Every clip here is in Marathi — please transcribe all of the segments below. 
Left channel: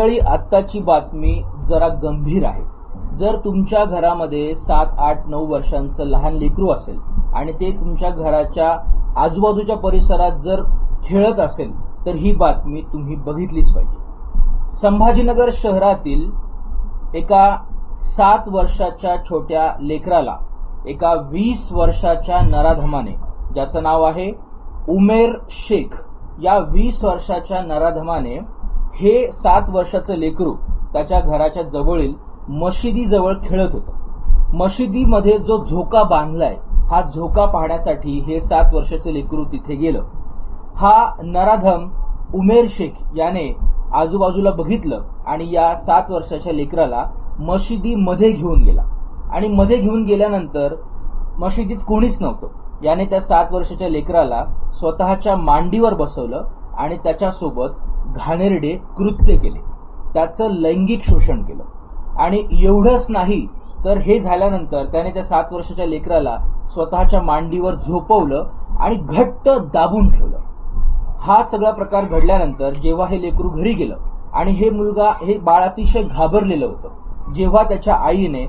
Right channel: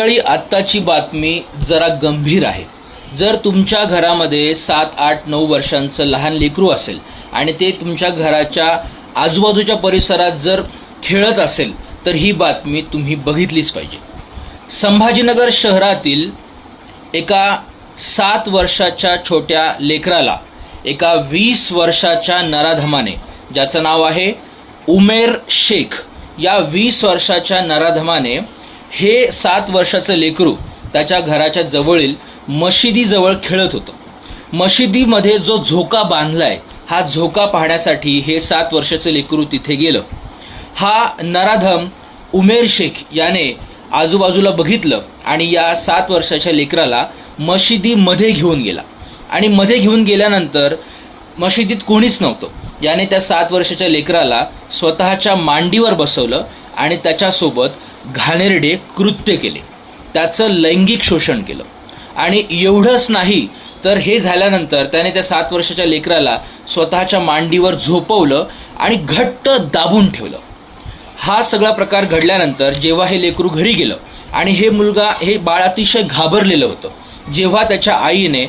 मंडळी, आत्ताची बातमी जरा गंभीर आहे। जर तुमच्या घरामध्ये 7, 8, 9 वर्षांचं लहान लेकरू असेल आणि ते तुमच्या घराच्या आजूबाजूच्या परिसरात जर खेळत असेल तर ही बातमी तुम्ही बघितलीच पाहिजे। संभाजीनगर शहरातील एका 7 वर्षाच्या छोट्या लेकराला एका 20 वर्षाच्या नराधमाने, ज्याचं नाव आहे उमेर शेख, या 20 वर्षाच्या नराधमाने हे 7 वर्षाचं लेकरू त्याच्या घराच्या जवळील मशिदीजवळ खेळत होतं। मशिदीमध्ये जो झोका बांधलाय, हा झोका पाहण्यासाठी हे 7 वर्षाचं लेकरू तिथे गेलं। हा नराधम उमेर शेख याने आजूबाजूला बघितलं आणि या 7 वर्षाच्या लेकराला मशिदीमध्ये घेऊन गेला आणि मध्ये घेऊन गेल्यानंतर मशिदीत कोणीच नव्हतं। याने त्या 7 वर्षाच्या लेकराला स्वतःच्या मांडीवर बसवलं आणि त्याच्यासोबत घाणेरडे कृत्य केले, त्याचं लैंगिक शोषण केलं। आणि एवढंच नाही तर हे झाल्यानंतर त्याने त्या 7 वर्षाच्या लेकराला स्वतःच्या मांडीवर झोपवलं आणि घट्ट दाबून ठेवलं। हा सगळा प्रकार घडल्यानंतर जेव्हा हे लेकरू घरी गेलं आणि हे बाळ अतिशय घाबरलेलं होतं। जेव्हा त्याच्या आईने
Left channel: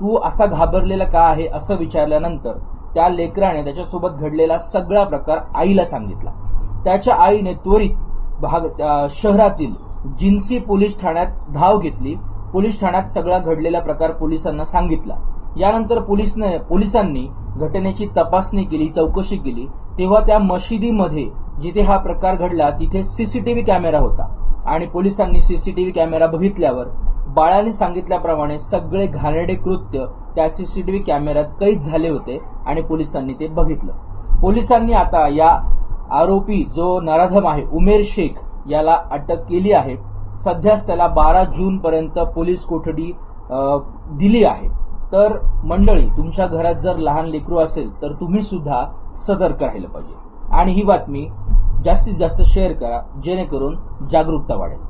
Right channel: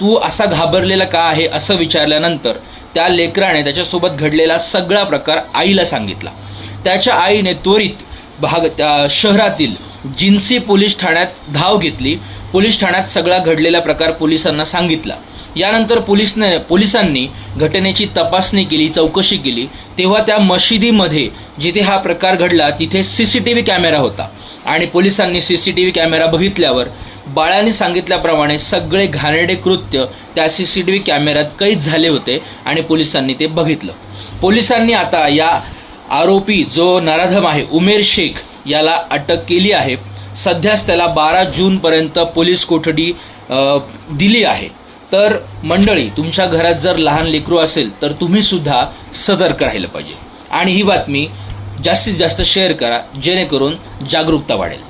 तू असा घाबरलेला का आहे असं विचारल्यानंतर त्या लेकराने त्याच्यासोबत घडलेला सगळा प्रकार आईला सांगितला। त्याच्या आईने त्वरित शहरातील जिन्सी पोलीस ठाण्यात धाव घेतली। पोलीस ठाण्यात सगळा घडलेला प्रकार पोलिसांना सांगितला। यानंतर पोलिसांनी घटनेची तपासणी केली, चौकशी केली। तेव्हा त्या मशिदीमध्ये जिथे हा प्रकार घडला तिथे सीसीटीव्ही कॅमेरा होता आणि पोलिसांनी सीसीटीव्ही कॅमेरा बघितल्यावर बाळाने सांगितल्याप्रमाणे सगळे घाणेरडे कृत्य त्या सीसीटीव्ही कॅमेऱ्यात कैद झाले होते आणि पोलिसांनी ते बघितलं। पोलिसांनी आता या आरोपी जो नराधम आहे उमेर शेख याला अटक केली आहे। सध्याच त्याला 12 जून पर्यंत पोलीस कोठडी दिली आहे। तर मंडळी, तुमच्या घरात जर लहान लेकरू असेल तर तुम्ही सुद्धा सतर्क राहिलं पाहिजे आणि ही बातमी जास्तीत जास्त शेअर करा जेणेकरून जागरूकता वाढेल।